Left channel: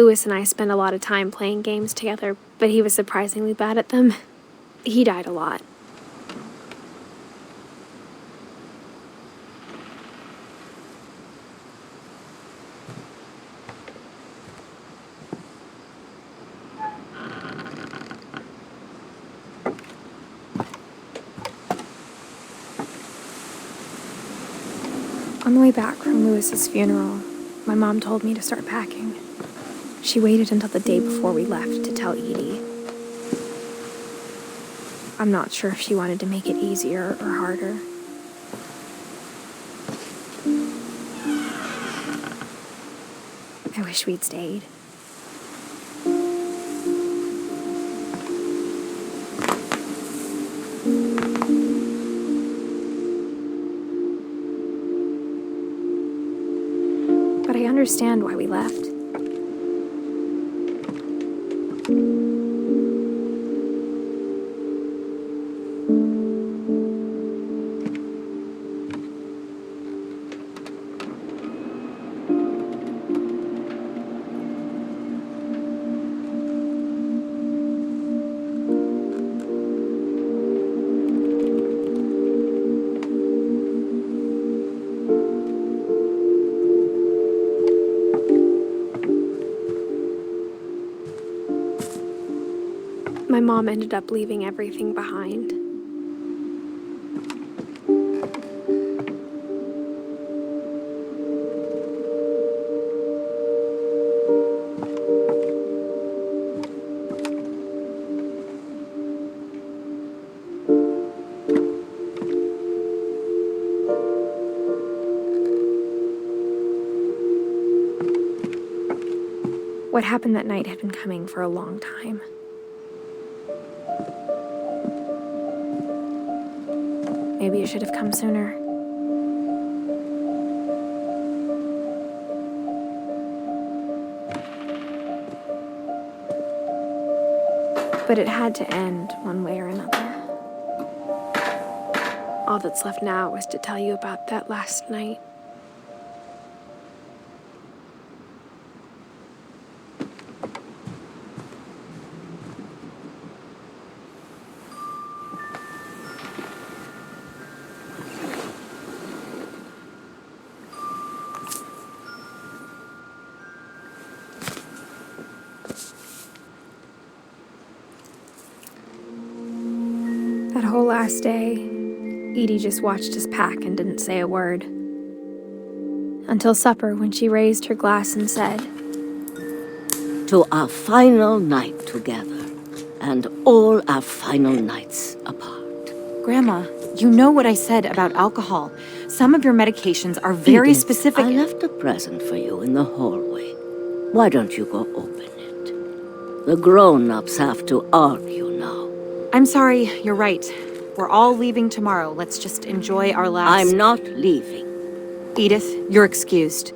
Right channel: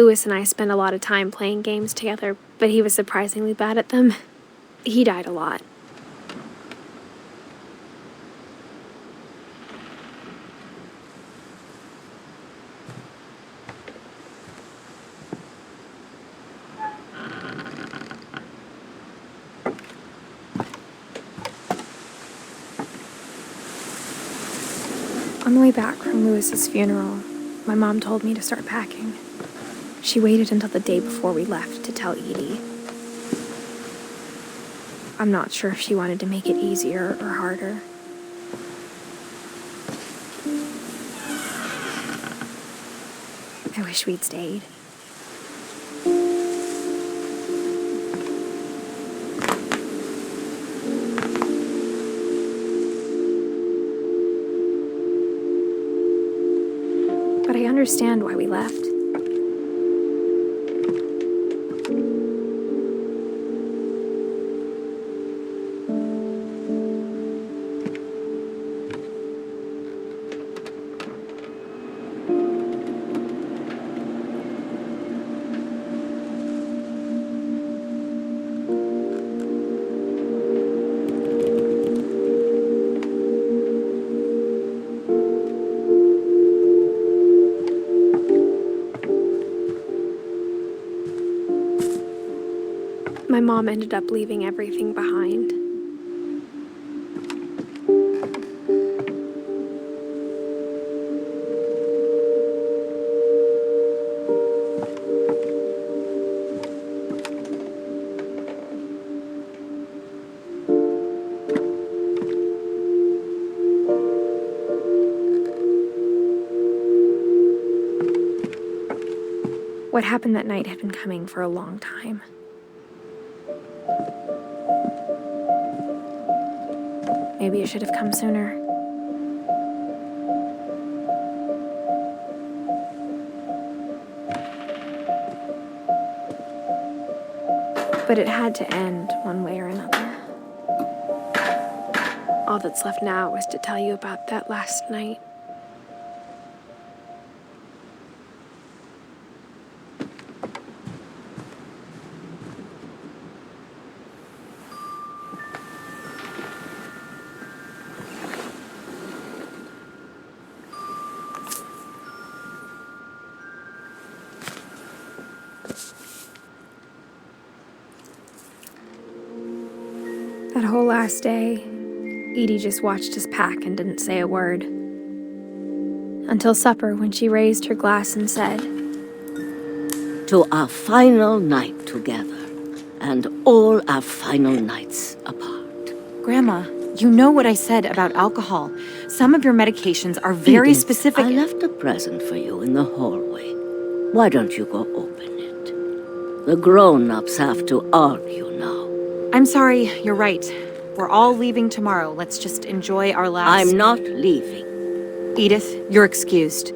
Lewis and I spent a lot of time playing games together, but he was surprisingly bad at them. He died a lot. On the way back from Lewis's funeral, my mom told me to start packing. She waited until the day before we left to tell Edie. I'm not sure if she wanted to make it easier or harder. I wish we'd stayed. But I understand why we left. My mom ended up leaving everything behind. What happened that night had been coming for a long time. Maybe it should have come sooner. But it had to end one way or another. All that's left now is to tell you about that last night. That whole last day, Edie just watched us pack and didn't say a word. Until supper, when she raised her glass and said, "To our final night together, and all our final nights apart." Grandma, you know what I said about alcohol. Some of your medications are very Edith, specific. I left a present for you in the hallway. Why don't you go open it? The grown-ups have to argue now. I'm sorry, you're right. We're all leaving tomorrow. Let's just enjoy our last... I'm not leaving. Edith, you're excused.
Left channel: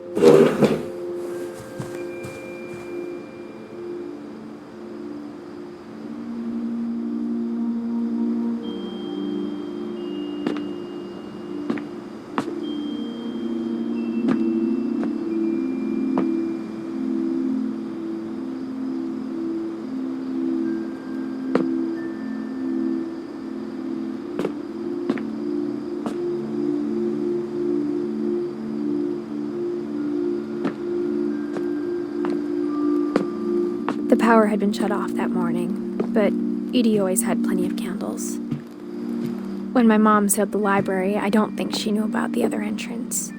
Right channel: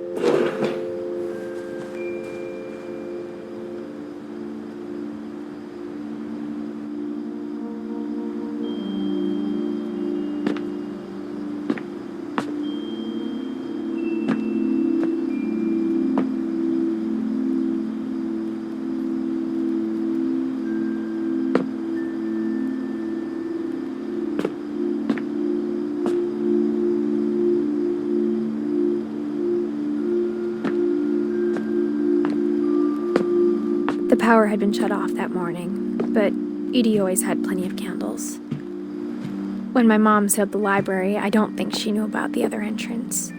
The power had been shut off that morning, but Edie always had plenty of candles. When my mom sealed the library, I don't think she knew about the other entrance.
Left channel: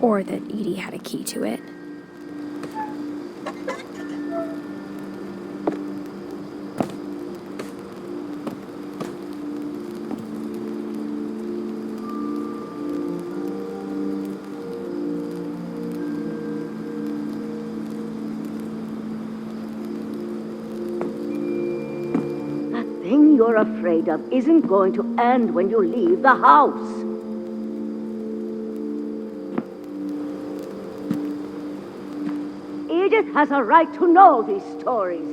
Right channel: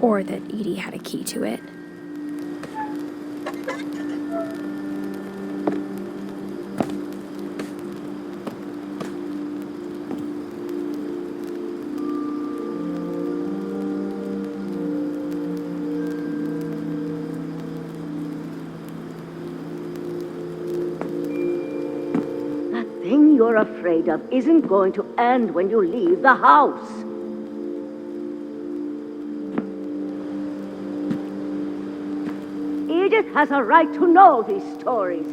Or that Edie had a key to it. The thing you're afraid of isn't going to end when you leave the house. Edith has a right to know these stories.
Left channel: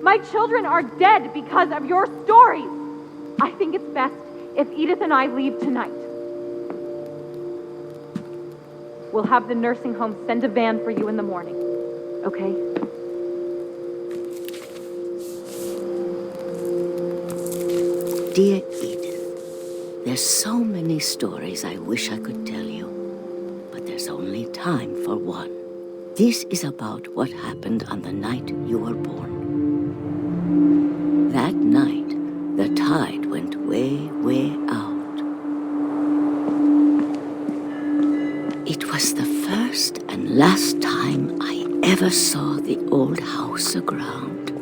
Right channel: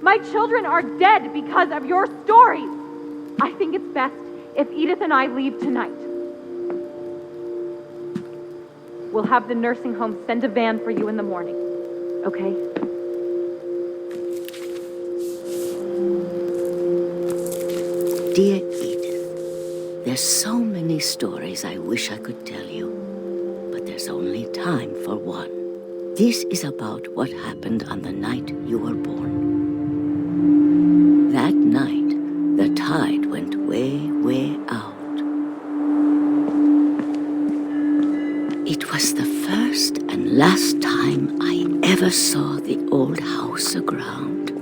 My children are dead because of your stories. I think it's best if Edith and I leave tonight. We'll have the nursing home send a van for you in the morning. okay? Dear Edith, there's so many stories I wish I could tell you, but there's only time for one. This is about what happened on the night you were born. That night, the tide went way, way out. It was the first and last time I ever saw the old house aground.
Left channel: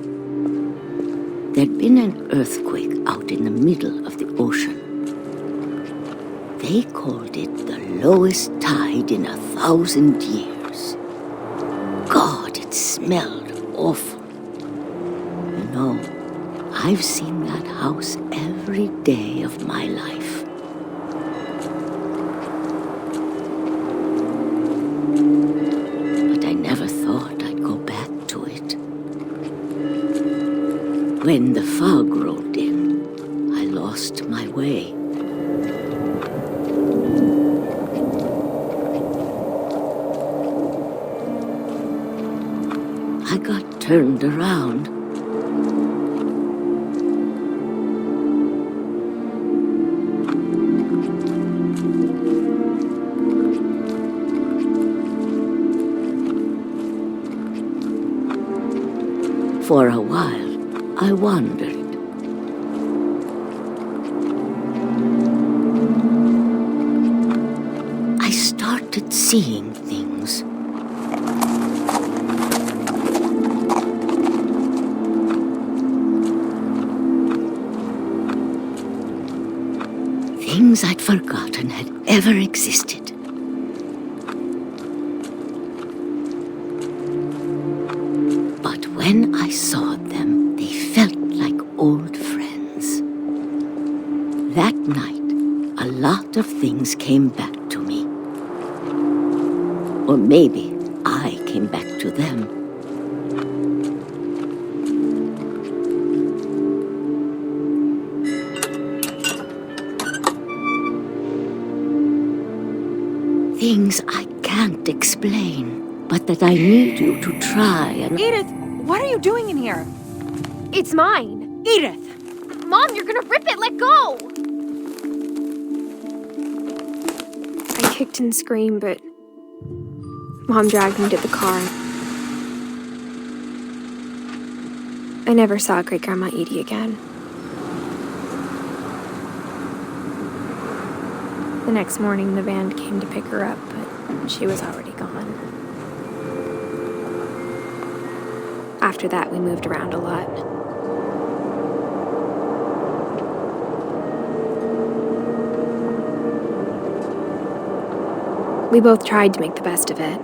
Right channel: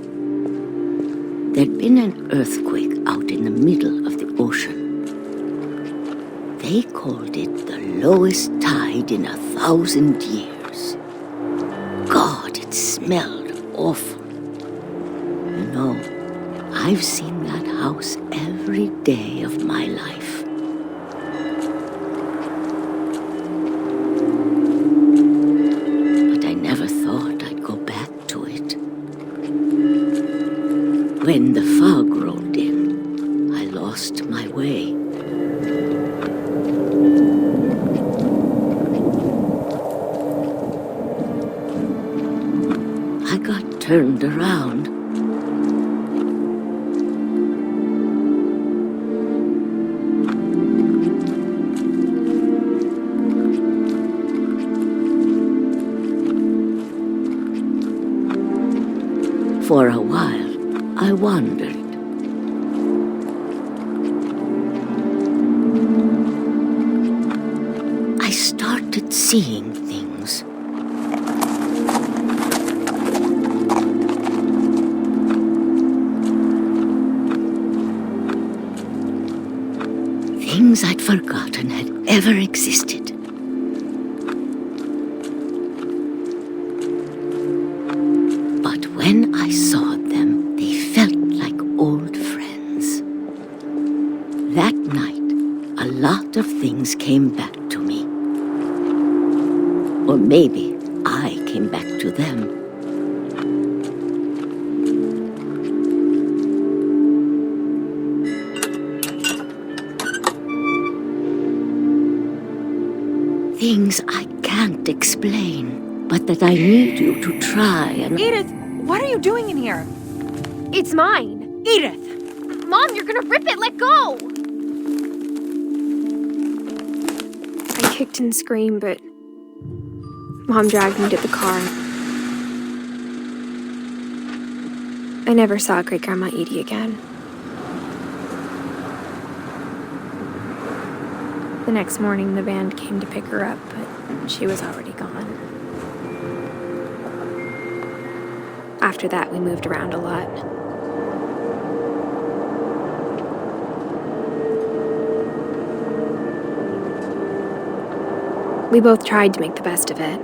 There'd been an earthquake out in the middle of the ocean. They called it the lowest tide in 1,000 years. God, it smelled awful. You know, I've seen that house every day of my life. But I never thought I'd go back to it. When the fog rolled in, I lost my way. I got turned around. For a while, I wandered. I started seeing things. Things I'd forgotten had ever existed. But when I saw them, they felt like old friends. That night, a lot of things came back to me. Or maybe I came back to them. Things I can't explain, but that I need you to try and... Edith, what are you doing in here? It's mine. Edith! Mom, you're gonna rip it! Let go! I kicked and screamed, but Mom dragged me to the car. I never saw Great-Grandma Edie again. The next morning, the band came to pick her up, but she was already gone. After that, we moved around a lot. We both tried to make the best of it.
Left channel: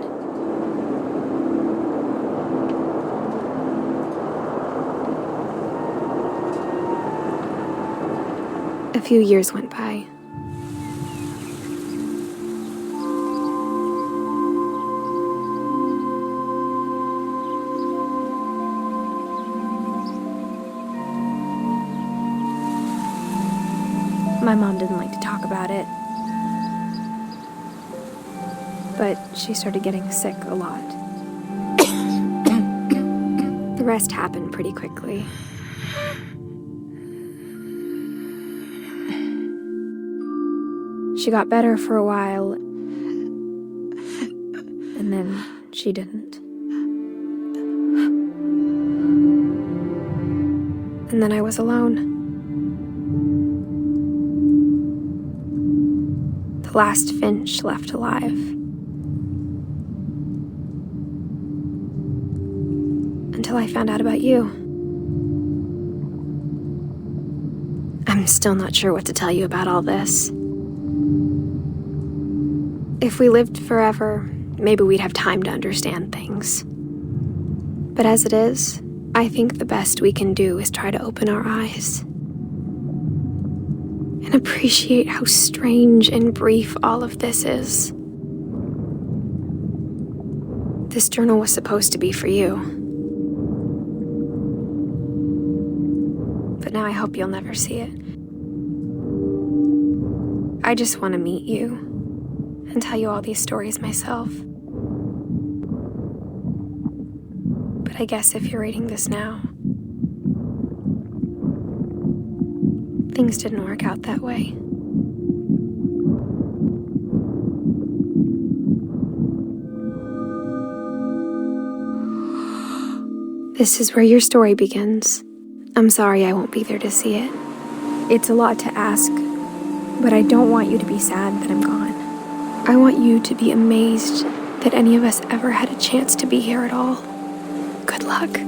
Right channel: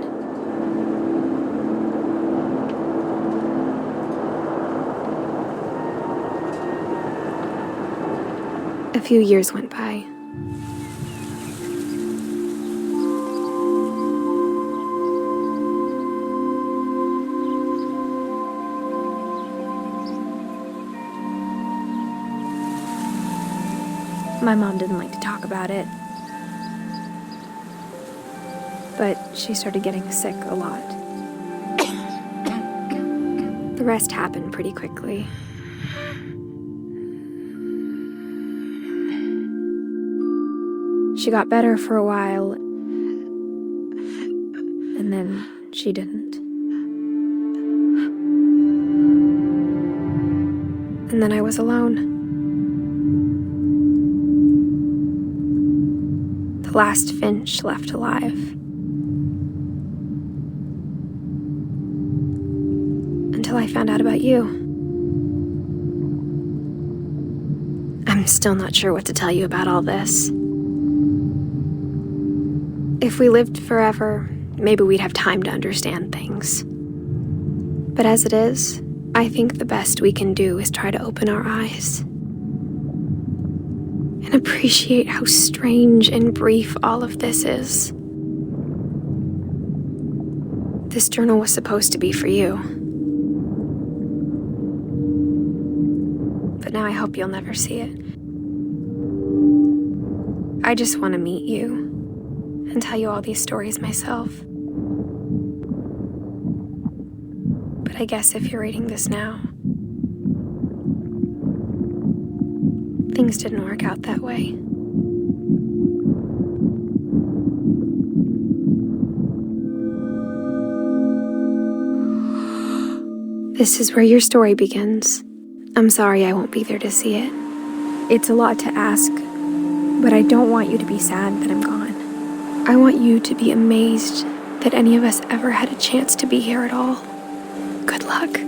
A few years went by. My mom didn't like to talk about it. But she started getting sick a lot. The rest happened pretty quickly. She got better for a while, and then she didn't. And then I was alone. The last Finch left alive. Until I found out about you. I'm still not sure what to tell you about all this. If we lived forever, maybe we'd have time to understand things. But as it is, I think the best we can do is try to open our eyes. And appreciate how strange and brief all of this is. This journal was supposed to be for you. But now I hope you'll never see it. I just want to meet you and tell you all these stories myself. but I guess if you're reading this now, things didn't work out that way. This is where your story begins. I'm sorry I won't be there to see it. It's a lot to ask, but I don't want you to be sad that I'm gone. I want you to be amazed that any of us ever had a chance to be here at all. Good luck.